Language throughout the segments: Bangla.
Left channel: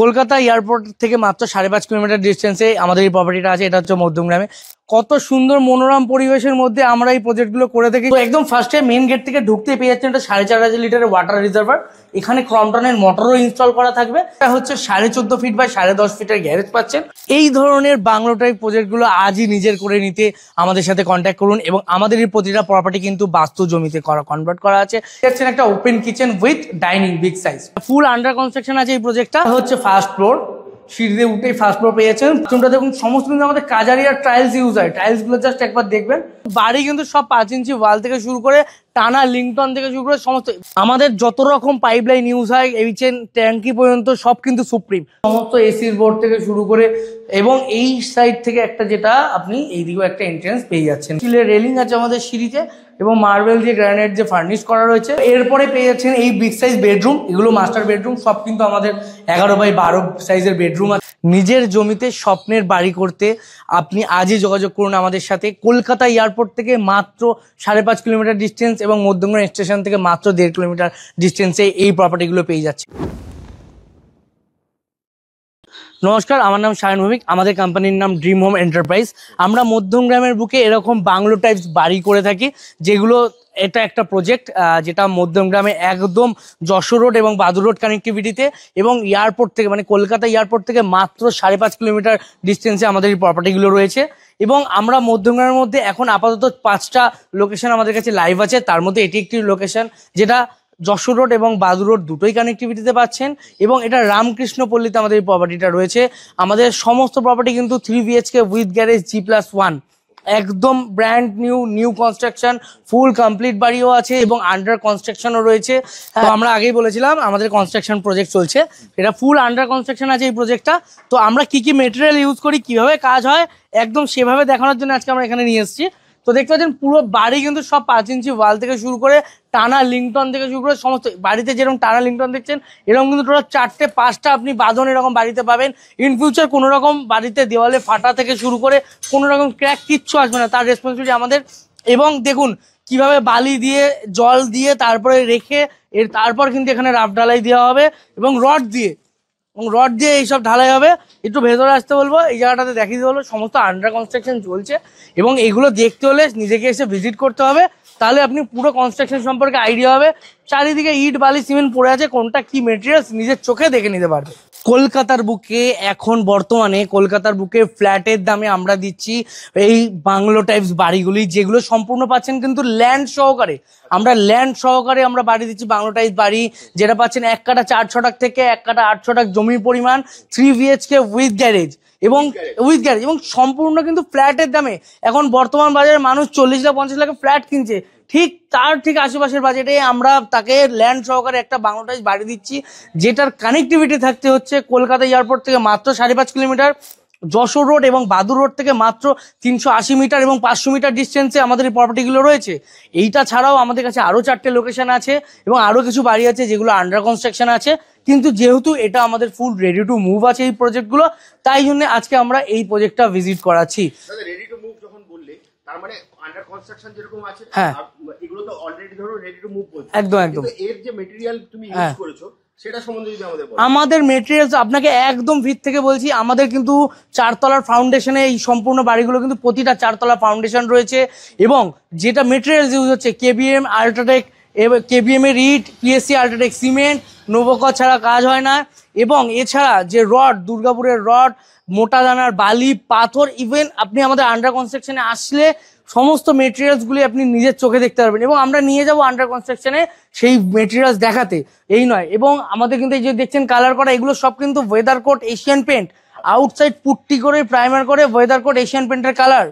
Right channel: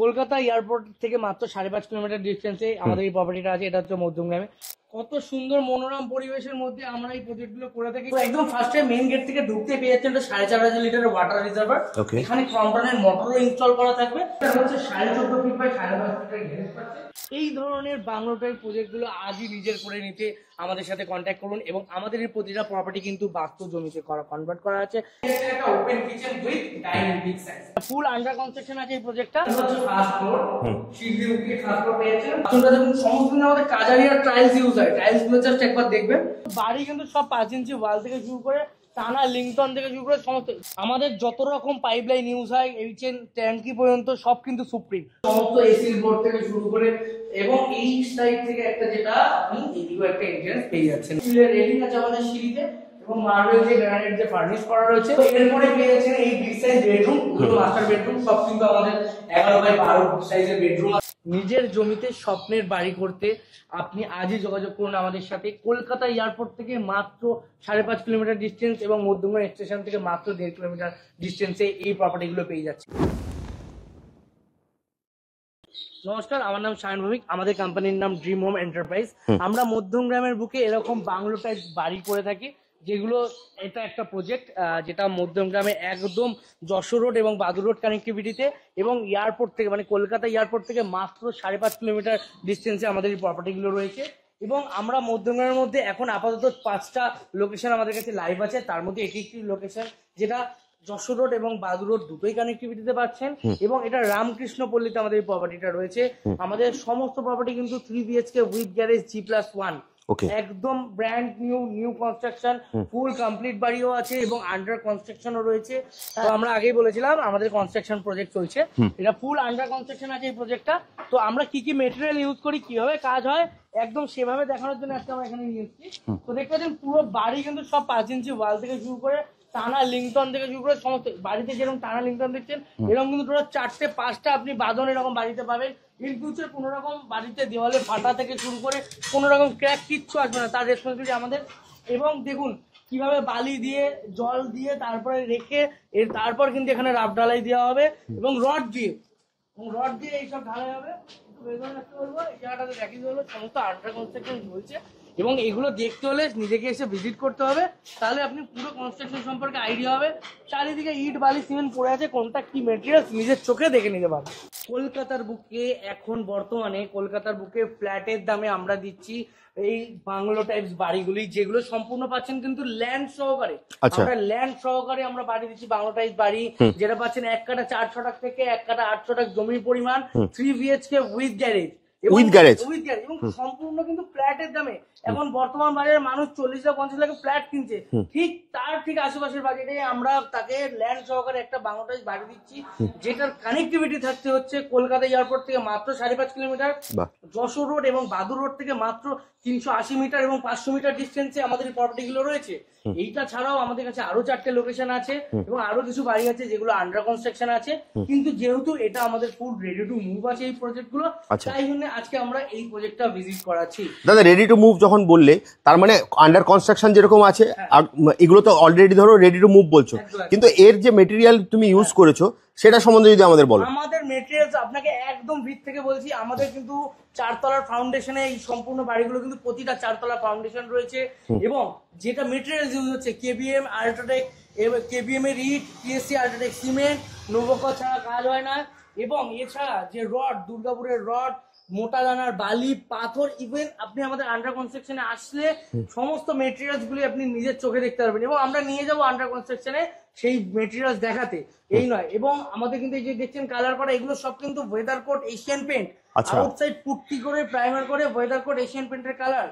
কলকাতা এয়ারপোর্ট থেকে মাত্র 5.5 কিলোমিটার ডিস্টেন্সে আমাদের এই প্রপার্টিটা আছে। এটা হচ্ছে মধ্যমগ্রামে। কত সুন্দর মনোরম পরিবেশের মধ্যে আমরা এই প্রজেক্টগুলো করে থাকি। তো একদম ফার্স্টে মেইন গেট থেকে ঢুকতে পেয়ে যাচ্ছেন এটা 4.5 লিটারের ওয়াটার রিজার্ভার। এখানে ক্রম্পটনের মোটরও ইনস্টল করা থাকবে। এটা হচ্ছে 14.5 ফিট বাই 10.5 ফিটের গ্যারেজ পাচ্ছেন। এই ধরনের বাংলো টাইপ প্রজেক্টগুলো আজই নিজের করে নিতে আমাদের সাথে কন্ট্যাক্ট করুন। এবং আমাদের এই প্রতিটা প্রপার্টি কিন্তু বাস্তু জমিতে কনভার্ট করা আছে। দেখছেন একটা open kitchen with dining big size, full under construction আছে। এই প্রজেক্টটা হচ্ছে ফার্স্ট ফ্লোর, সিঁড়ি দিয়ে উঠেই ফার্স্ট ফ্লোর পেয়েছেন। বাথরুমটা দেখুন সমস্ত কিন্তু আমাদের কাজারিয়ার টাইলস ইউজ হয়। টাইলস গুলো জাস্ট একবার দেখবেন। বাড়ি কিন্তু সব 5 ইঞ্চি ওয়াল থেকে শুরু করে টানা লিংটন থেকে শুরু করে সমস্ত আমাদের যত রকম পাইপলাইন ইউজ হয় এইচেন ট্যাঙ্কি পর্যন্ত সব কিন্তু সুপ্রিম। সমস্ত এসির বোর্ড থেকে শুরু করে এবং এই সাইড থেকে একটা যেটা আপনি এইদিকেও একটা এন্ট্রেন্স পেয়ে যাচ্ছেন। স্টিলের রেলিং আছে আমাদের সিঁড়িতে এবং মার্বেল দিয়ে গ্রানাইট যে ফার্নিশ করা রয়েছে। এরপরে পেয়ে যাচ্ছেন এই বিগ সাইজ বেডরুম। এগুলো মাস্টার বেডরুম, সব কিন্তু আমাদের 11x12 সাইজের বেডরুম আছে। নিজের জমিতে স্বপ্নের বাড়ি করতে আপনি আজই যোগাযোগ করুন আমাদের সাথে। কলকাতা এয়ারপোর্ট থেকে মাত্র 5.5 কিলোমিটার ডিস্টেন্স এবং মধ্যমগ্রাম স্টেশন থেকে মাত্র 1.5 কিলোমিটার ডিস্টেন্সে এই প্রপার্টিগুলো পেয়ে যাচ্ছে। নমস্কার, আমার নাম শায়ন ভৌমিক। আমাদের কোম্পানির নাম ড্রিম হোম এন্টারপ্রাইজ। আমরা মধ্যমগ্রামের বুকে এরকম বাংলো টাইপস বাড়ি করে থাকি, যেগুলো এটা একটা প্রজেক্ট যেটা মধ্যমগ্রামে একদম যশোর রোড এবং বাদুর রোড কানেক্টিভিটিতে এবং এয়ারপোর্ট থেকে মানে কলকাতা এয়ারপোর্ট থেকে মাত্র 5.5 কিলোমিটার ডিস্টেন্সে আমাদের এই প্রপার্টিগুলো রয়েছে। এবং আমরা মধ্যমগ্রামের মধ্যে এখন আপাতত 5টা লোকেশন আমাদের কাছে লাইভ আছে। তার মধ্যে এটি একটি লোকেশন যেটা যশোর রোড এবং বাদুর রোড দুটোই কানেক্টিভিটিতে পাচ্ছেন। এবং এটা রামকৃষ্ণ পল্লীতে আমাদের এই প্রপার্টিটা রয়েছে। আমাদের সমস্ত প্রপার্টি কিন্তু 3 BHK উইথ গ্যারেজ G+1, একদম brand new construction, full complete বাড়িও আছে এবং আন্ডার কনস্ট্রাকশনও রয়েছে। তো আমরা আগেই বলেছিলাম আমাদের কনস্ট্রাকশন প্রজেক্ট চলছে, এটা ফুল আন্ডার কনস্ট্রাকশন আছে এই প্রজেক্টটা। তো আমরা কি কি মেটেরিয়াল ইউজ করি, কিভাবে কাজ হয় একদম সেভাবে দেখানোর জন্য আজকে আমরা এখানে নিয়ে এসেছি। তো দেখতে পাচ্ছেন পুরো বাড়ি কিন্তু সব 5 ইঞ্চি ওয়াল থেকে শুরু করে টানা লিংটন থেকে শুরু করে সমস্ত বাড়িতে যেরকম টানা লিংটন দেখছেন এরকম কিন্তু টোটাল 4টে 5টা আপনি বাঁধন এরকম বাড়িতে পাবেন। ইন ফিউচার কোনো রকম বাড়িতে দেওয়ালে ফাটা থেকে শুরু করে কোনো রকম ক্র্যাক কিচ্ছু আসবে না, তার রেসপন্সিবিলিটি আমাদের। এবং দেখুন কিভাবে বালি দিয়ে জল দিয়ে তারপরে রেখে তারপর কিন্তু এখানে রাফ ঢালাই দেওয়া হবে এবং রড দিয়ে এইসব ঢালাই হবে। একটু ভেতরে আসতে বলবো, এই জায়গাটাতে দেখিয়ে দিতে বলবো। সমস্ত আন্ডার কনস্ট্রাকশন চলছে এবং এগুলো দেখতে হলে নিজেকে এসে ভিজিট করতে হবে, তাহলে আপনি পুরো কনস্ট্রাকশন সম্পর্কে আইডিয়া হবে। চারিদিকে ইট বালি সিমেন্ট পড়ে আছে, কোনটা কি মেটেরিয়ালস নিজের চোখে দেখে নিতে পারবে। কলকাতার বুকে এখন বর্তমানে কলকাতার বুকে ফ্ল্যাটের দামে আমরা দিচ্ছি এই বাংলো টাইপস বাড়িগুলি, যেগুলো সম্পূর্ণ পাচ্ছেন কিন্তু ল্যান্ড সহকারে। আমরা ল্যান্ড সহকারে আমরা বাড়ি দিচ্ছি বাংলো টাইপস বাড়ি, যেটা পাচ্ছেন 1 কাঠা 4 ছটাক থেকে 1 কাঠা 8 ছটাক জমির পরিমাণ, 3 BHK উইথ গ্যারেজ এবং উইথ গ্যারেজ এবং সম্পূর্ণ কিন্তু ফ্ল্যাটের দামে। এখন বর্তমান বাজারে মানুষ 40 লাখ 50 লাখ ফ্ল্যাট কিনছে, ঠিক তার ঠিক আশেপাশের বাজেটে আমরা তাকে ল্যান্ড সহকারে একটা বাংলো টাইপস বাড়ি দিচ্ছি, যেটার কানেক্টিভিটি থাকতে হচ্ছে কলকাতা এয়ারপোর্ট থেকে মাত্র 5.5 কিলোমিটার, যশোর রোড এবং বাদুর রোড থেকে মাত্র 380 মিটার এবং 500 মিটার ডিস্টেন্সে আমাদের এই প্রপার্টিগুলো রয়েছে। এইটা ছাড়াও আমাদের কাছে আরো 4টে লোকেশন আছে এবং আরো কিছু বাড়ি আছে যেগুলো আন্ডার কনস্ট্রাকশন আছে। কিন্তু যেহেতু এটা আমাদের ফুল রেডি টু মুভ আছে এই প্রজেক্টগুলো, তাই জন্য আজকে আমরা এই প্রজেক্টটা ভিজিট করাচ্ছি। দাদা রেডি টু মুভ যখন বললে তার মানে আন্ডার কনস্ট্রাকশন যেরকম আছে এগুলো তো অলরেডি ধরো রেডি টু মুভ বলছো, কিন্তু এর যে মেটেরিয়াল তুমি ইউজ করেছো সেটা সম্বন্ধে যদি আমাদের বলো। আমাদের মেটেরিয়ালস আপনাকে একদম ভিত থেকে বলছি, আমাদের কিন্তু 4 তলার ফাউন্ডেশনে এই সম্পূর্ণ বাড়িগুলো কিন্তু প্রতিটা 4 তলা ফাউন্ডেশন রয়েছে। এবং যেটা মেটেরিয়ালস ইউজ হচ্ছে KBM আল্ট্রাটেক, KBM এর ইট, PSC আল্ট্রাটেক সিমেন্ট, নোভোকো ছাড়া কাজ হয় না। এবং এছাড়া যে রড, দুর্গাপুরের রড, মোটা দানার বালি, পাথর, ইভেন আপনি আমাদের আন্ডার কনস্ট্রাকশনে আসলে সমস্ত মেটেরিয়ালস গুলি আপনি নিজের চোখে দেখতে পারবেন এবং আমরা নিয়ে যাব আন্ডার কনস্ট্রাকশনে সেই মেটেরিয়ালস দেখাতে, এই নয়। এবং আমাদের কিন্তু এই যে দেখছেন কালার করা, এগুলো সব কিন্তু weather coat Asian paint, outside putty করে প্রাইমার করে ওয়েদার কোট এশিয়ান পেন্টের colour.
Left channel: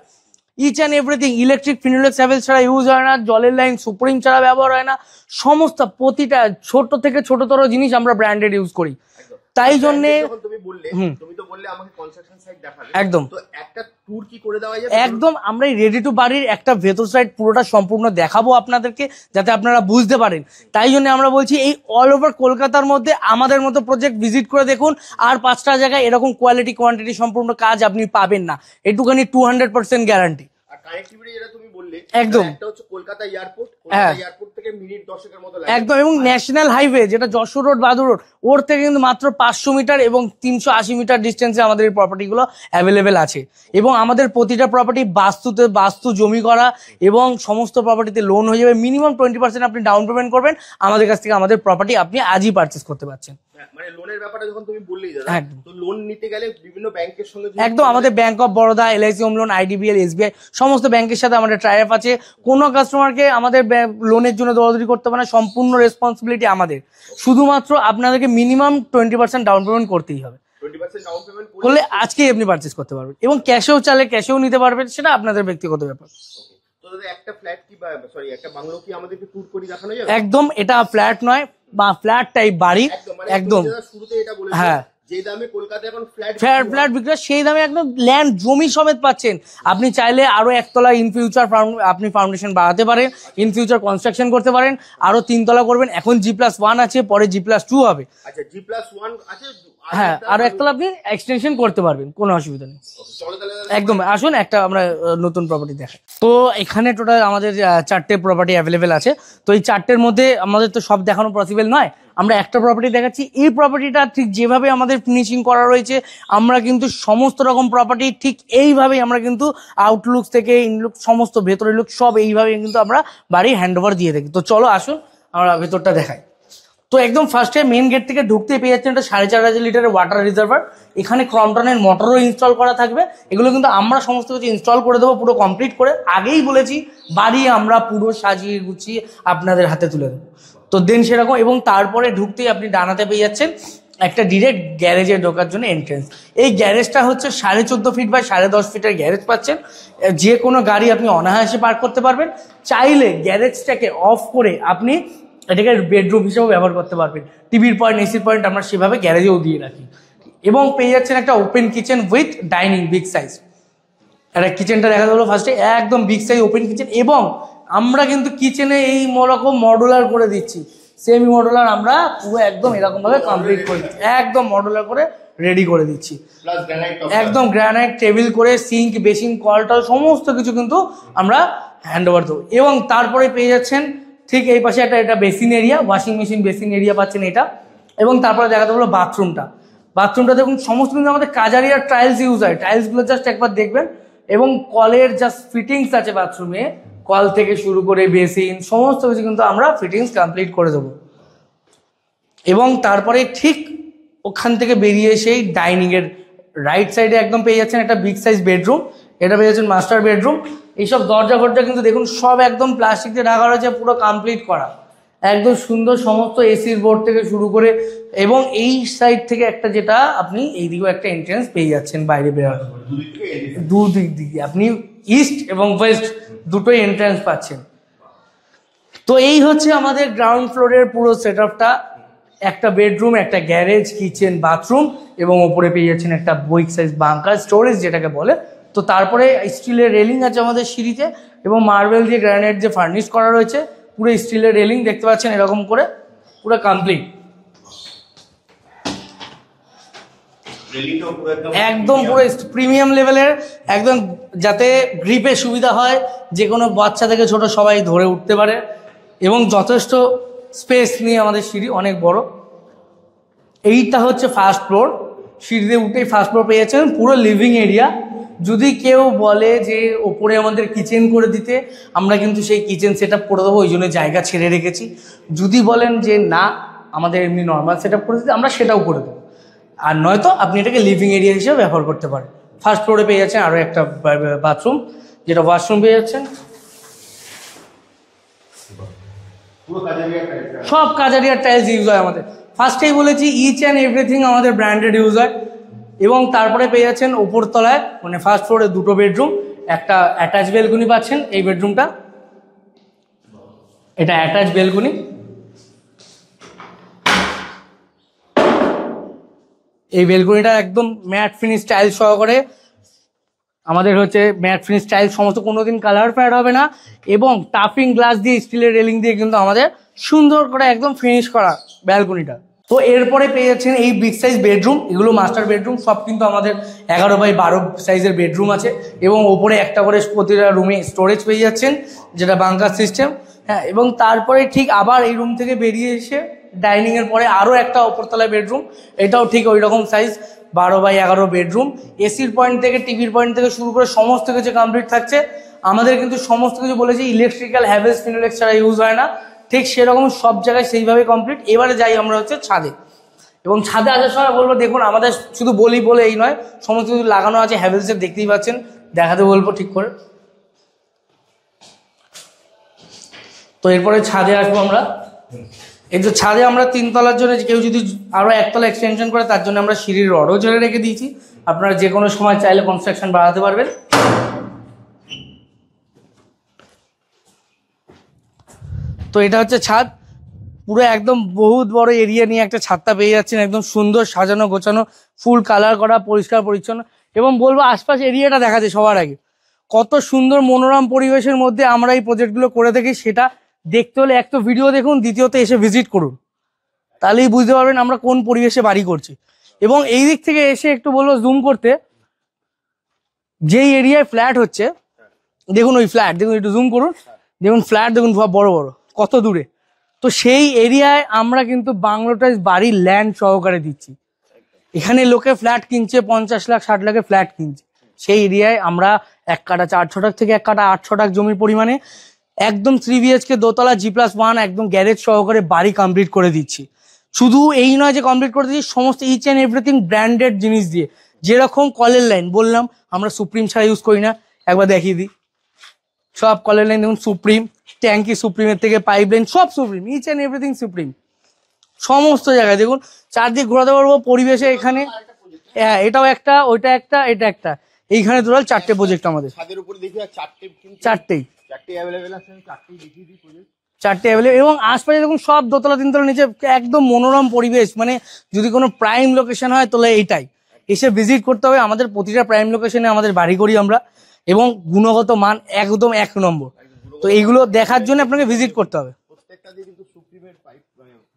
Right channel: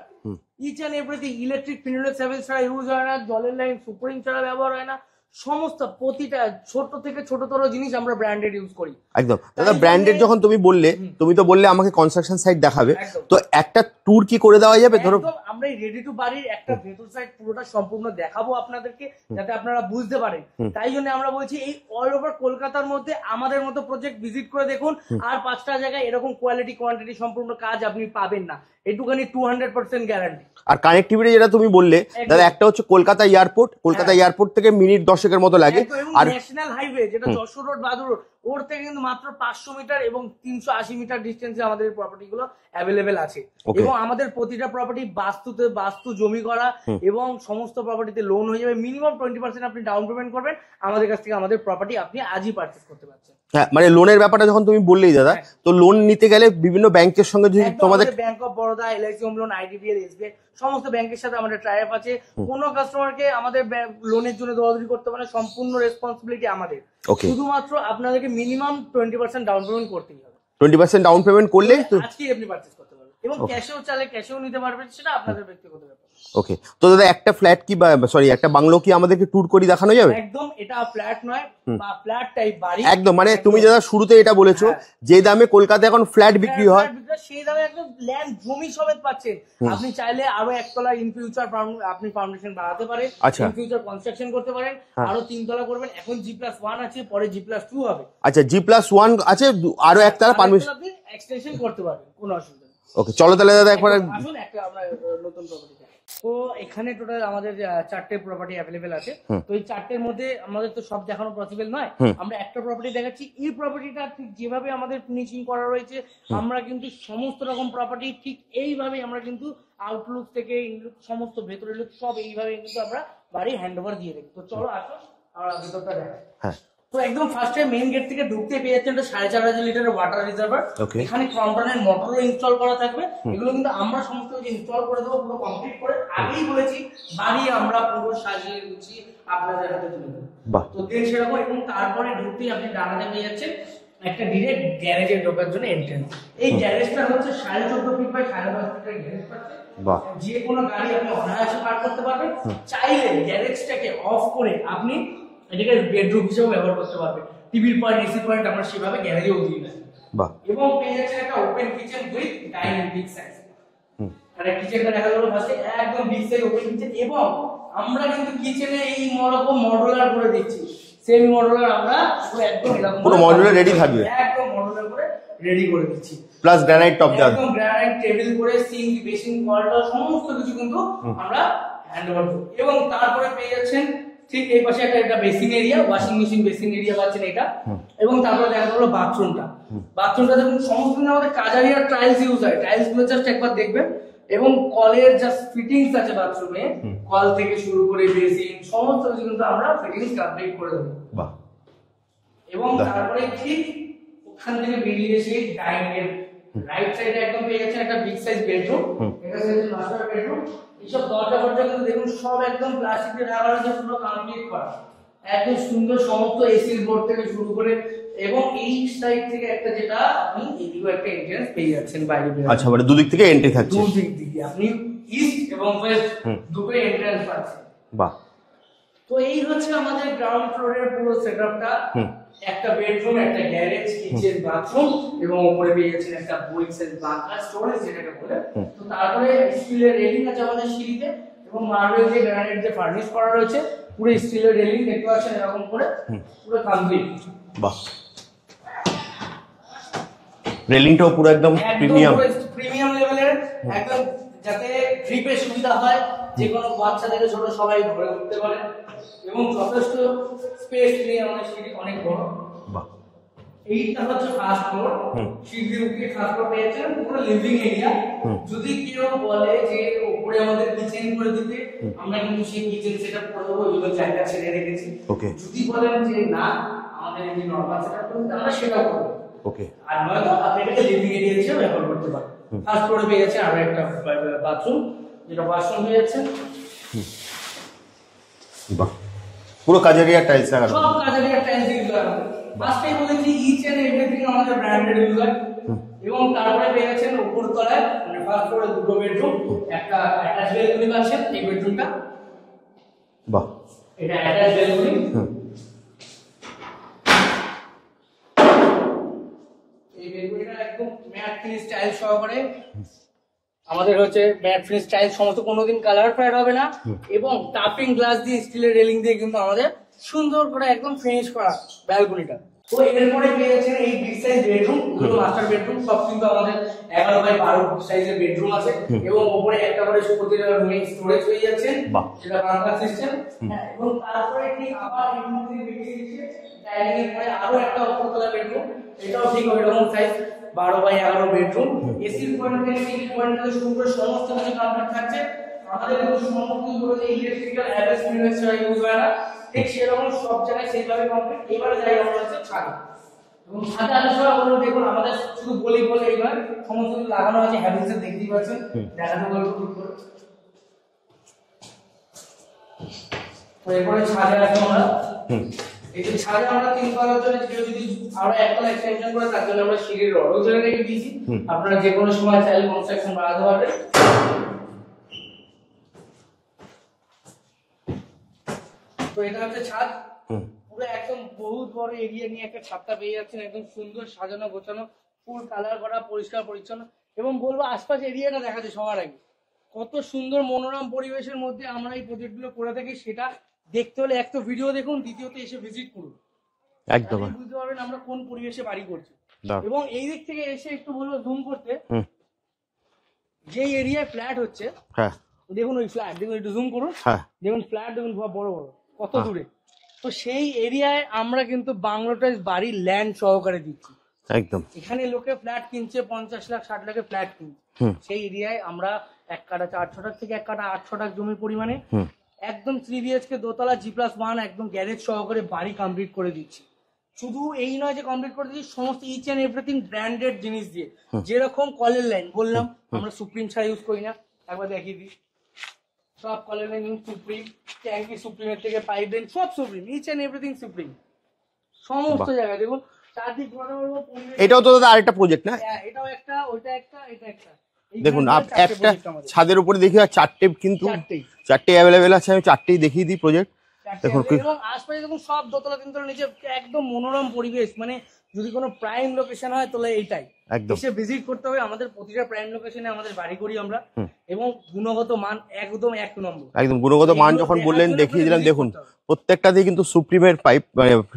Each and everything electric Finolex Havells ছাড়া ইউজ হয় না, জলের লাইন সুপ্রিম ছাড়া ব্যবহার হয় না। সমস্ত প্রতিটা ছোট থেকে ছোটতর জিনিস আমরা ব্র্যান্ডেড ইউজ করি। একদম তাই ব্র্যান্ডেড যখন তুমি বললে, তুমি তো বললে আমাকে কনস্ট্রাকশন সাইট দেখাবে, একদম। তো একটা ট্যুর কি করে দেওয়া যাবে? একদম, আমরা এই রেডি টু বাড়ির একটা ভেতর সাইড পুরোটা সম্পূর্ণ দেখাবো আপনাদেরকে, যাতে আপনারা বুঝতে পারেন। তাই জন্য আমরা বলছি এই অল ওভার কলকাতার মধ্যে আমাদের মতো প্রজেক্ট ভিজিট করে দেখুন, আর 5টা জায়গায় এরকম কোয়ালিটি কোয়ান্টিটি সম্পূর্ণ কাজ আপনি পাবেন না, এটুখানি 200% গ্যারান্টি। আর কানেক্টিভিটি যেটা তুমি বললে, একটা হচ্ছে কলকাতা এয়ারপোর্ট থেকে মিনিট 10 মতো লাগে একদম, এবং ন্যাশনাল হাইওয়ে যেটা যশোর রোড বাদুর রোড ওর থেকে কিন্তু মাত্র 500 মিটার এবং 380 মিটার ডিস্টেন্সে আমাদের এই প্রপার্টি গুলো অ্যাভেলেবেল আছে। এবং আমাদের প্রতিটা প্রপার্টি বাস্তু জমি করা এবং সমস্ত প্রপার্টিতে লোন হয়ে যাবে। মিনিমাম 20% আপনি ডাউন পেমেন্ট করবেন, আমাদের কাছ থেকে আমাদের প্রপার্টি আপনি আজই পারচেস করতে পারছেন। হ্যাঁ, মানে লোনের ব্যাপারটা যখন তুমি বললেই দাদা, তো লোন নিতে গেলে বিভিন্ন ব্যাংকের সঙ্গে একদম আমাদের bank of Baroda, LIC home loan, IDBL, SBI সমস্ত ব্যাংকের সাথে আমাদের ট্রাই আপ আছে। কোনো কাস্টমারকে আমাদের লোনের জন্য দৌড়াদৌড়ি করতে পারে না, সম্পূর্ণ রেসপন্সিবিলিটি আমাদের। শুধুমাত্র আপনাদেরকে মিনিমাম 20% ডাউন পেমেন্ট করতেই হবে। 20% ডাউন পেমেন্ট করলে আজকেই আপনি পারচেস করতে পারবেন এবং ক্যাশেও চাইলে ক্যাশেও নিতে পারবেন, সেটা আপনাদের ব্যক্তিগত ব্যাপার। ওকে, তো দাদা একটা ফ্ল্যাট কি সরি একটা বাংলো কি আমাদেরকে ট্যুর করে দেখানো যাবে? একদম, এটা ফ্ল্যাট নয় বা ফ্ল্যাট টাইপ বাড়ি একদম, মানে তুমি দাদা শুরুতে এটা বলেছো যে দামে কলকাতায় এখন ফ্ল্যাট বিক্রি হয় সেই দামে একদম ল্যান্ড জমি সমেত পাচ্ছেন। আপনি চাইলে আরো একতলা ইন ফিউচার আপনি ফাউন্ডেশন বাড়াতে পারেন, ইন ফিউচার কনস্ট্রাকশন করতে পারেন, আরো 3 তলা করবেন। এখন G+1 আছে, পরে G+2 হবে। আচ্ছা, G+1 আছে, আরো একতলা আপনি এক্সটেনশন করতে পারবেন, কোনো অসুবিধা নেই। ওকে, চলো তাহলে দাদা একদম আসুন একটা আমরা নতুন প্রপার্টি দেখাই। তো এখানে টোটাল আমাদের 4টে প্রপার্টি অ্যাভেলেবেল আছে। তো এই 4টের মধ্যে আমাদের তো সব দেখানো পসিবল নয়, আমরা একটা প্রপার্টি দেখাচ্ছি। এই প্রপার্টিটা ঠিক যেভাবে আমাদের ফিনিশিং করা রয়েছে, আমরা কিন্তু সমস্ত রকম প্রপার্টি ঠিক এইভাবেই আমরা কিন্তু আউটলুক থেকে ইনলুক সমস্ত ভেতরের লুক সব এইভাবে কিন্তু আমরা বাড়ি হ্যান্ড ওভার দিয়ে থাকি। তো চলো আসুন আমরা ভেতরটা দেখাই। তো একদম ফার্স্টে মেইন গেট থেকে ঢুকতে পেয়ে যাচ্ছেন একটা 4500 লিটারের ওয়াটার রিজার্ভার। এখানে ক্রমটনের মোটরও ইনস্টল করা থাকবে। এগুলো কিন্তু আমরা সমস্ত কিছু ইনস্টল করে দেবো পুরো কমপ্লিট করে। আগেই বলেছি বাড়ি আমরা পুরো সাজিয়ে গুছিয়ে আপনাদের হাতে তুলে দেবো। তো দেন সেরকম, এবং তারপরে ঢুকতেই আপনি ডানাতে পেয়ে যাচ্ছেন একটা ডিরেক্ট গ্যারেজে ঢোকার জন্য এন্ট্রেন্স। এই গ্যারেজটা হচ্ছে 14.5 ফিট বাই 10.5 ফিটের গ্যারেজ পাচ্ছেন। যে কোনো গাড়ি আপনি অনায়াসে পার্ক করতে পারবেন। চাইলে গ্যারেজটাকে অফ করে আপনি এটাকে বেডরুম হিসেবে ব্যবহার করতে পারবেন। টিভির পয়েন্ট, এসির পয়েন্ট আমরা সেভাবে গ্যারেজেও দিয়ে রাখি। এবং পেয়ে যাচ্ছেন একটা open kitchen with dining big size. একটা কিচেনটা দেখা গেলো ফার্স্টে একদম বিগ সাইজ ওপেন কিচেন। এবং আমরা কিন্তু কিচেনে এই রকম মডুলার করে দিচ্ছি, সেমি মডুলার আমরা পুরো একদম এরকম একদম মডুলার করে রেডি করে দিচ্ছি। প্লাস গ্রানাইট টপ, একদম গ্রানাইট টেবিল করে সিঙ্ক, বেসিন, কলটল সমস্ত কিছু কিন্তু আমরা হ্যান্ড ওভার দেবো। এবং তারপরে পেয়ে যাচ্ছেন ঠিক এই পাশে একটা basin area, washing machine basin area পাচ্ছেন এটা। এবং তারপরে দেখাতে হলো বাথরুমটা দেখুন সমস্ত কিন্তু আমাদের কাজারিয়ার টাইলস ইউজ হয়। টাইলস গুলো জাস্ট একবার দেখবেন। এবং কলের জাস্ট ফিটিংস আছে বাথরুমে, কল থেকে শুরু করে বেসিন সমস্ত কিছু কিন্তু আমরা ফিটিংস কমপ্লিট করে দেবো। এবং তারপরে ঠিক ওখান থেকে বেরিয়ে এসেই ডাইনিং এর রাইট সাইডে একদম পেয়ে যাচ্ছেন একটা বিগ সাইজ বেডরুম। এটা পেয়ে যাচ্ছেন মাস্টার বেডরুম। এইসব দরজা ফরজা কিন্তু দেখুন সব একদম প্লাস্টিক দিয়ে ঢাকা রয়েছে, পুরো কমপ্লিট করা, একদম সুন্দর সমস্ত এসির বোর্ড থেকে শুরু করে। এবং এই সাইড থেকে একটা যেটা আপনি এইদিকেও একটা এন্ট্রেন্স পেয়ে যাচ্ছেন বাইরে বেরোনোর। আচ্ছা, মানে দুদিক থেকে এন্ট্রি থাকছে, দুদিক থেকে আপনি ইস্ট এবং ওয়েস্ট দুটোই এন্ট্রেন্স পাচ্ছেন। বাহ। তো এই হচ্ছে আমাদের গ্রাউন্ড ফ্লোরের পুরো সেটআপটা। একটা বেডরুম, একটা গ্যারেজ, কিচেন, বাথরুম এবং উপরে পেয়ে যাচ্ছেন একটা বিগ সাইজ বাংকার স্টোরেজ যেটাকে বলে। তো তারপরে স্টিলের রেলিং আছে আমাদের সিঁড়িতে এবং মার্বেল দিয়ে গ্রানাইট যে ফার্নিশ করা রয়েছে, পুরো স্টিলের রেলিং দেখতে পাচ্ছেন এরকম করে পুরো কমপ্লিট। বাহ, রেলিংটাও পুরো একদম পুরো প্রিমিয়াম লেভেলের, একদম যাতে গ্রিপে সুবিধা হয়, যে কোনো বাচ্চা থেকে ছোট সবাই ধরে উঠতে পারে। এবং যথেষ্ট স্পেস নিয়ে আমাদের সিঁড়ি অনেক বড়। এইটা হচ্ছে ফার্স্ট ফ্লোর। সিঁড়িতে উঠেই ফার্স্ট ফ্লোর পেয়েছেন পুরো লিভিং এরিয়া। যদি কেউ বলে যে ওপরে আমাদের কিচেন করে দিতে, আমরা কিন্তু সেই কিচেন সেট আপ করে দেবো, ওই জন্য জায়গা ছেড়ে রেখেছি। যদি বলেন যে না আমাদের এমনি নর্মাল সেট আপ করে দিতে, আমরা সেটাও করে দেবো। আর নয়তো আপনি এটাকে লিভিং এরিয়া হিসেবে ব্যবহার করতে পারেন। ফার্স্ট ফ্লোরে পেয়ে যাচ্ছেন আরো একটা বাথরুম, যেটা ওয়াশরুম পেয়ে যাচ্ছেন। পুরো কাজারিয়ার টাইলস, সব কাজারিয়ার টাইলস ইউজ হয় আমাদের। ফার্স্টেই বলেছি ইচ অ্যান্ড এভরিথিং আমাদের ব্র্যান্ডেড ইউজ হয়। এবং তারপরে পেয়ে যাচ্ছেন উপর তলায়, মানে ফার্স্ট ফ্লোরে দুটো বেডরুম, একটা অ্যাটাচ বেলকনি পাচ্ছেন। এই বেডরুমটা, বাহ, এটা অ্যাটাচ বেলকনি। এই বেলকনিটা একদম ম্যাট ফিনিশ টাইল সহকারে আমাদের হচ্ছে ম্যাট ফিনিশ টাইল, সমস্ত কোনোদিন কালার ফেড হবে না। এবং টাফিং গ্লাস দিয়ে স্টিলের রেলিং দিয়ে কিন্তু আমাদের সুন্দর করে একদম ফিনিশ করা ব্যালকনিটা। তো এরপরে পেয়ে যাচ্ছেন এই বিগ সাইজ বেডরুম, এগুলো মাস্টার বেডরুম। সব কিন্তু আমাদের 11x12 সাইজের বেডরুম আছে। এবং ওপরে একটা করে প্রতিটা রুমে স্টোরেজ পেয়ে যাচ্ছেন, যেটা বাংকার সিস্টেম। হ্যাঁ, এবং তারপরে ঠিক আবার এই রুম থেকে বেরিয়ে এসে ডাইনিং এর পরে আরো একটা উপরতলায় বেডরুম, এটাও ঠিক ওই রকম সাইজ 12x11 বেডরুম। এসির পয়েন্ট থেকে টিভির পয়েন্ট থেকে শুরু করে সমস্ত কিছু কমপ্লিট থাকছে। আমাদের কিন্তু সমস্ত কিছু বলেছি ইলেকট্রিক্যাল হ্যাভেলস ফিনোলেক্স ছাড়া ইউজ হয় না, ঠিক সেরকম সব জায়গায় সেইভাবে কমপ্লিট। এবারে যাই আমরা হচ্ছে ছাদে, এবং ছাদে আসার সময় বলবো দেখুন আমাদের শুধু বলি বলে এই নয়, সমস্ত কিছু লাগানো আছে হ্যাভেলসের, দেখতেই পাচ্ছেন, দেখাতে বলবো ঠিক করে। তো এরপরে ছাদে আসবো আমরা। এই যে ছাদে আমরা 3 তলার জন্য কেউ যদি আরো 1 তলা এক্সটেনশন করে তার জন্য আমরা সিঁড়ির রডও জলে রেখে দিয়েছি, আপনারা যে কোনো সময় চাইলে কনস্ট্রাকশন বাড়াতে পারবেন। তো এটা হচ্ছে ছাদ, পুরো একদম বহুত বড় এরিয়া নিয়ে একটা ছাদটা পেয়ে যাচ্ছেন, একদম সুন্দর সাজানো গোছানো, ফুল কালার করা, পরিষ্কার পরিচ্ছন্ন। এবং বলবো আশপাশ এরিয়াটা দেখাচ্ছে সবার আগে, কত সুন্দর মনোরম পরিবেশের মধ্যে আমরা এই প্রজেক্টগুলো করে থাকি। সেটা দেখতে হলে এক তো ভিডিও দেখুন, দ্বিতীয়ত এসে ভিজিট করুন, তাহলেই বুঝতে পারবেন আমরা কোন পরিবেশে বাড়ি করছি। এবং এই দিক থেকে এসে একটু বলবো জুম করতে, যেই এরিয়ায় ফ্ল্যাট হচ্ছে দেখুন, ওই ফ্ল্যাট দেখুন, একটু জুম করুন, দেখুন ফ্ল্যাট দেখুন বড় বড় কত দূরে। তো সেই এরিয়ায় আমরা কিন্তু বাংলোটাইজ বাড়ি ল্যান্ড সহকারে দিচ্ছি। একদম এখানে লোকে ফ্ল্যাট কিনছে 50 লাখ 60 লাখে ফ্ল্যাট কিনছে, সেই এরিয়ায় আমরা 1 কাঠা 4 ছটাক থেকে 1 কাঠা 8 ছটাক জমির পরিমাণে একদম 3 BHK দোতলা G+1 একদম গ্যারেজ সহকারে বাড়ি কমপ্লিট করে দিচ্ছি। শুধু এই নয় যে কমপ্লিট করে দিচ্ছি, সমস্ত ইচ অ্যান্ড এভরিথিং ব্র্যান্ডেড জিনিস দিয়ে। যেরকম কলের লাইন বললাম আমরা সুপ্রিম ছাড়া ইউজ করি না, একবার দেখিয়ে দিই। সব কলের লাইন দেখুন সুপ্রিম, ট্যাঙ্কি সুপ্রিমের থেকে পাইপ লাইন সব Supreme, each and everything Supreme. সমস্ত জায়গায় দেখুন, চারদিক ঘোরাতে পারবো পরিবেশে। আরেকটা প্রজেক্ট না, এটাও একটা, ওইটা একটা, এটা একটা, এইখানে টোটাল 4টে প্রজেক্ট আমাদের। ছাদের উপরে দেখি 4টে, কিন্তু 4টে অ্যাভেলেবেল আছে। আমি 4টেই দেখিয়ে দিই প্রজেক্ট, 4টে অ্যাভেলেবেল। এবং আশপাশে দেখুন সব দোতলা 3 তলা নিচে একদম মনোরম পরিবেশ। মানে যদি কোনো প্রাইম লোকেশন হয় তাহলে এইটাই এসে ভিজিট করতে হবে। আমাদের প্রতিটা প্রাইম লোকেশনে আমাদের বাড়ি করি আমরা, এবং গুণগত মান একদম 1 নম্বর। একদম গুণগত মান এগুলো দেখার জন্য আপনাকে ভিজিট করতে হবে। প্রত্যেকটাতে কিন্তু সুপ্রিমের পাইপ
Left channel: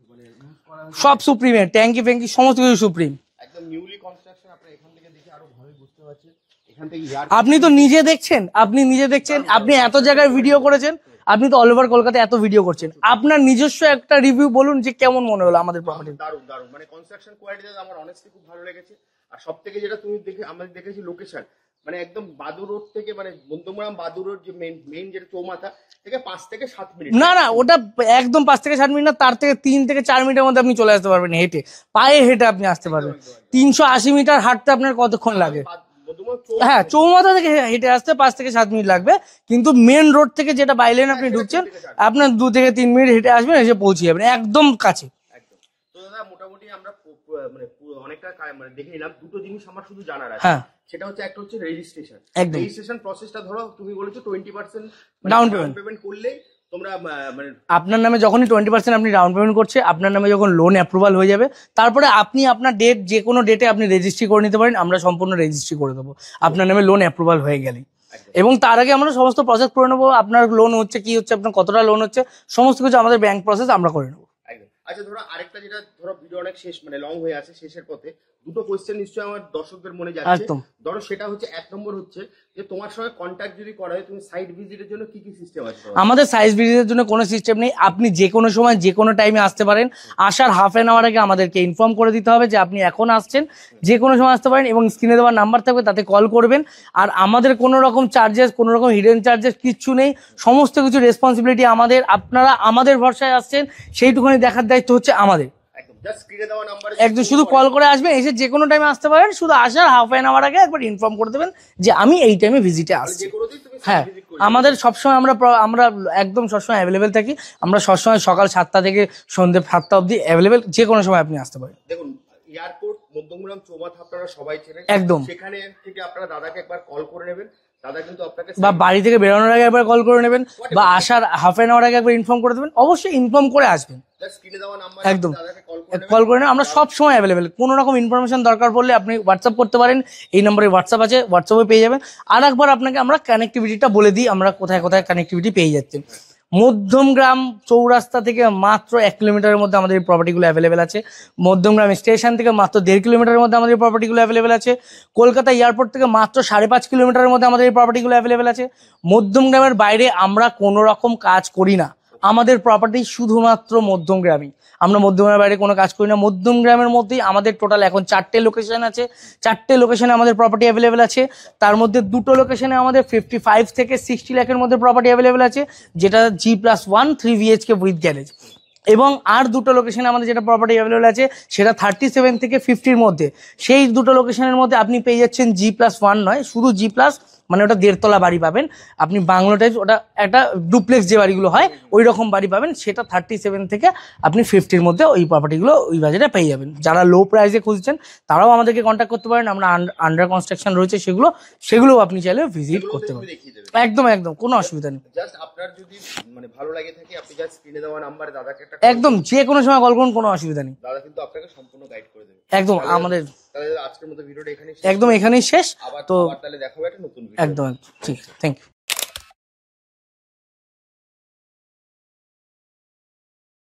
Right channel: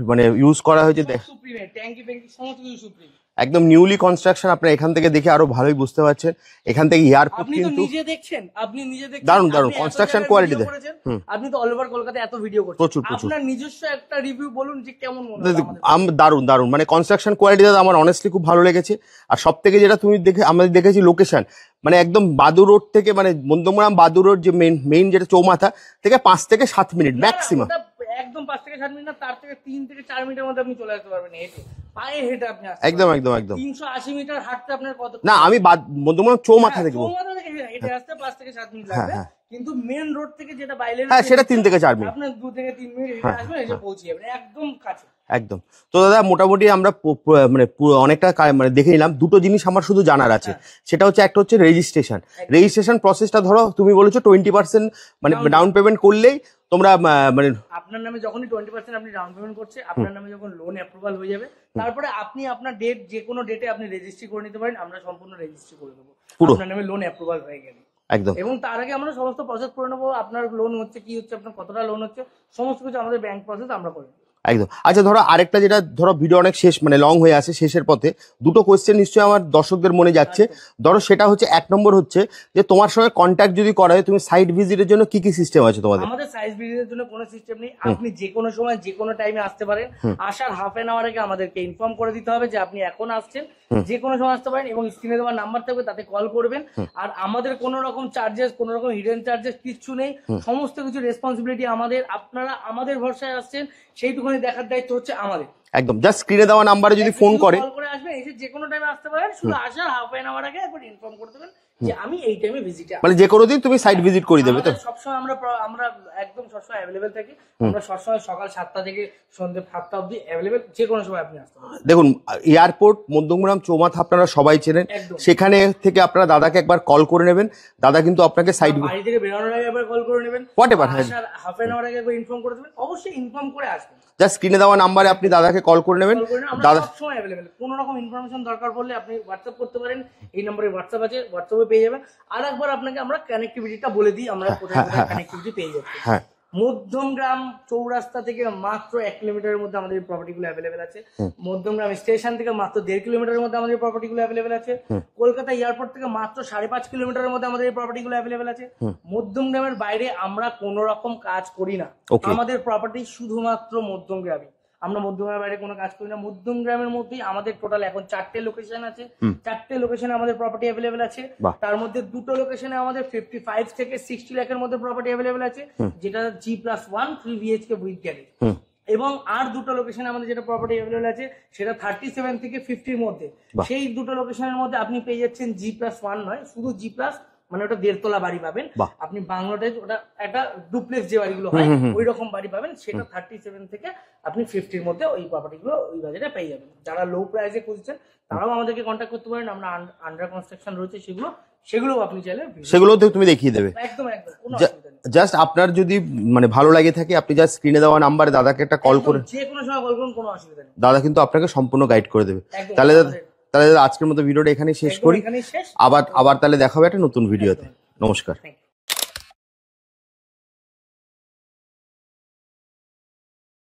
মানে ইউজ করা হয়েছে, সব সুপ্রিমের, ট্যাঙ্কি ফ্যাঙ্কি সমস্ত কিছু সুপ্রিম, একদম নিউলি কনস্ট্রাকশন। আপনারা এখান থেকে দেখে আরো ভালোই বুঝতে পারছেন। এখান থেকে আপনি তো নিজে দেখছেন, আপনি এত জায়গায় ভিডিও করেছেন, আপনি তো অল ওভার কলকাতা এত ভিডিও করছেন, আপনার নিজস্ব একটা রিভিউ বলুন যে কেমন মনে হলো আমাদের। দারুন দারুন, মানে কনস্ট্রাকশন কোয়ালিটিটা আমার অনেস্টলি খুব ভালো লেগেছে। আর সব থেকে যেটা তুমি আমাদের দেখেছি লোকেশন, মানে একদম বাদুর রোড থেকে, মানে মধ্যমগ্রাম বাদুর রোড যে মেইন যেটা চৌমাথা থেকে 5 থেকে 7 মিনিট। না ওটা একদম 5 থেকে 7 মিনিট না, তার থেকে 3 থেকে 4 মিনিটের মধ্যে আপনি চলে আসতে পারবেন হেঁটে, পায়ে হেঁটে আপনি আসতে পারবেন। একদম 380 মিটার হাঁটতে আপনার কতক্ষণ? আমি মধ্যমগ্রাম চৌমাথা থেকে হেঁটে আসতে 5 থেকে 7 মিনিট লাগবে, কিন্তু মেন রোড থেকে যেটা বাইলেন সেটা 3 থেকে 4 মিনিট, আপনার 2 থেকে 3 মিনিট হেঁটে আসবেন, এসে পৌঁছে যাবেন একদম কাছে। একদম। তো দাদা মোটামুটি আমরা মানে অনেকটা মানে দেখে নিলাম। দুটো জিনিস আমার শুধু জানার আছে, সেটা হচ্ছে একটা হচ্ছে রেজিস্ট্রেশন প্রসেসটা। ধরো তুমি বলেছো 20% মানে ডাউন পেমেন্ট করলেই তোমরা মানে আপনার নামে যখনই 20% আপনি ডাউন পেমেন্ট করছে, আপনার নামে যখন লোন অ্যাপ্রুভাল হয়ে যাবে, তারপরে আপনি আপনার ডেট যে কোনো ডেটে আপনি রেজিস্ট্রি করে নিতে পারেন, আমরা সম্পূর্ণ রেজিস্ট্রি করে দেবো আপনার নামে লোন অ্যাপ্রুভাল হয়ে গেলে। একদম। এবং তার আগে আমরা সমস্ত প্রসেস করে নেবো, আপনার লোন হচ্ছে কি হচ্ছে, আপনার কতটা লোন হচ্ছে, সমস্ত কিছু আমাদের ব্যাংক প্রসেস আমরা করে নেবো। একদম। আচ্ছা ধরো আরেকটা, যেটা ধরো ভিডিও অনেক শেষ মানে লং হয়ে আসে, শেষের পথে দুটো কোয়েশ্চেন নিশ্চয়ই আমার দর্শকদের মনে যাচ্ছে। ধরো সেটা হচ্ছে 1 নম্বর হচ্ছে যে তোমার সঙ্গে কন্ট্যাক্ট যদি করা হয়, তুমি সাইট ভিজিটের জন্য কি কি সিস্টেম আছে তোমাদের? আমাদের সাইট ভিজিটের জন্য কোনো সিস্টেম নেই, আপনি যে কোনো সময় যে কোনো টাইমে আসতে পারেন। আসার হাফ এন আওয়ার আগে আমাদেরকে ইনফর্ম করে দিতে হবে যে আপনি এখন আসছেন, যে কোনো সময় আসতে পারেন, এবং স্ক্রিনে দেওয়ার নাম্বার থাকবে তাতে কল করবেন। আর আমাদের কোনো রকম চার্জেস, কোনো রকম হিডেন চার্জেস কিচ্ছু নেই, সমস্ত কিছু রেসপন্সিবিলিটি আমাদের। আপনারা আমাদের ভরসায় আসছেন, সেইটুকুনি দেখার দায়িত্ব হচ্ছে আমাদের। একদম। জাস্ট স্ক্রিনে দেওয়া নাম্বারে যদি ফোন শুধু করে, কল করে আসবেন, এসে যে কোনো টাইমে আসতে পারেন, শুধু আসার হাফ এন আওয়ার আগে একবার ইনফর্ম করে দেবেন যে আমি এই টাইমে ভিজিটে আসছি। মানে যে কোনো দিন তুমি সাইট ভিজিট করে দিবে। আমাদের সবসময় আমরা একদম সবসময় অ্যাভেলেবেল থাকি, আমরা সবসময় সকাল 7টা থেকে সন্ধ্যে 7টা অবধি অ্যাভেলেবেল, যে কোনো সময় আপনি আসতে পারেন। দেখুন এয়ারপোর্ট মধ্যমগ্রাম চৌমাথা আপনারা সবাই চেনেন, একদম। সেখানে থেকে আপনারা দাদাকে একবার কল করে নেবেন, দাদা কিন্তু আপনাকে বাড়ি থেকে বেরোনোর আগে একবার কল করে নেবেন, বা আসার হাফ এন আওয়ার আগে একবার ইনফর্ম করে দেবেন, অবশ্যই ইনফর্ম করে আসবেন। জাস্ট স্ক্রিনে দেওয়া নাম্বারে আপনি দাদাকে কল করে নেবেন, আমরা সবসময় অ্যাভেলেবেল। কোনো রকম ইনফরমেশন দরকার পড়লে আপনি হোয়াটসঅ্যাপ করতে পারেন, এই নম্বরে হোয়াটসঅ্যাপ আছে, হোয়াটসঅ্যাপে পেয়ে যাবেন। আর একবার আপনাকে আমরা কানেক্টিভিটিটা বলে দিই, আমরা কোথায় কোথায় কানেক্টিভিটি পেয়ে যাচ্ছি। মধ্যমগ্রাম চৌরাস্তা থেকে মাত্র 1 কিলোমিটারের মধ্যে আমাদের প্রপার্টিগুলো অ্যাভেলেবেল আছে। মধ্যমগ্রাম স্টেশন থেকে মাত্র 1.5 কিলোমিটারের মধ্যে আমাদের প্রপার্টিগুলো অ্যাভেলেবেল আছে। কলকাতা এয়ারপোর্ট থেকে মাত্র 5.5 কিলোমিটারের মধ্যে আমাদের এই প্রপার্টিগুলো অ্যাভেলেবেল আছে। মধ্যমগ্রামের বাইরে আমরা কোনো রকম কাজ করি না, আমাদের প্রপার্টি শুধুমাত্র মধ্যমগ্রামই। আমরা মধ্যমগ্রামের বাইরে কোনো কাজ করি না। মধ্যমগ্রামের মধ্যেই আমাদের টোটাল এখন 4টে লোকেশন আছে, 4টে লোকেশনে আমাদের প্রপার্টি অ্যাভেলেবেল আছে। তার মধ্যে 2টো লোকেশনে আমাদের 55 থেকে 60 লাখের মধ্যে প্রপার্টি অ্যাভেলেবেল আছে, যেটা G+1 3 BHK উইথ গ্যারেজ। এবং আর 2টো লোকেশনে আমাদের যেটা প্রপার্টি অ্যাভেলেবল আছে সেটা 37 থেকে 50-র মধ্যে। সেই 2টো লোকেশনের মধ্যে আপনি পেয়ে যাচ্ছেন G+1 নয়, শুধু G+, মানে ওটা 1.5 তলা বাড়ি পাবেন আপনি, বাংলো টাইপ, ওটা একটা ডুপ্লেক্স যে বাড়িগুলো হয় ওই রকম বাড়ি পাবেন। সেটা 37 থেকে আপনি 50-র মধ্যে ওই প্রপার্টিগুলো ওই বাজারে পেয়ে যাবেন। যারা লো প্রাইসে খুঁজছেন তারাও আমাদেরকে কন্ট্যাক্ট করতে পারেন, আমরা আন্ডার কনস্ট্রাকশন রয়েছে সেগুলো আপনি চাইলে সেগুলোতে তুমি দেখিয়ে দেবে। একদম একদম, কোনো অসুবিধা নেই। জাস্ট আপনার যদি মানে ভালো লাগে থাকে, আপনি জাস্ট স্ক্রিনে দেওয়া নাম্বারে দাদাকে একটা কল একদম যে কোনো সময় কল করুন, কোনো অসুবিধা নেই। দাদা কিন্তু আপনাকে সম্পূর্ণ গাইড করে দেবে। একদম, তাহলে আজকের মতো ভিডিওটা এখানেই শেষ। একদম এখানেই শেষ। আবার তাহলে দেখা হবে একটা নতুন ভিডিও। নমস্কার। Thank you.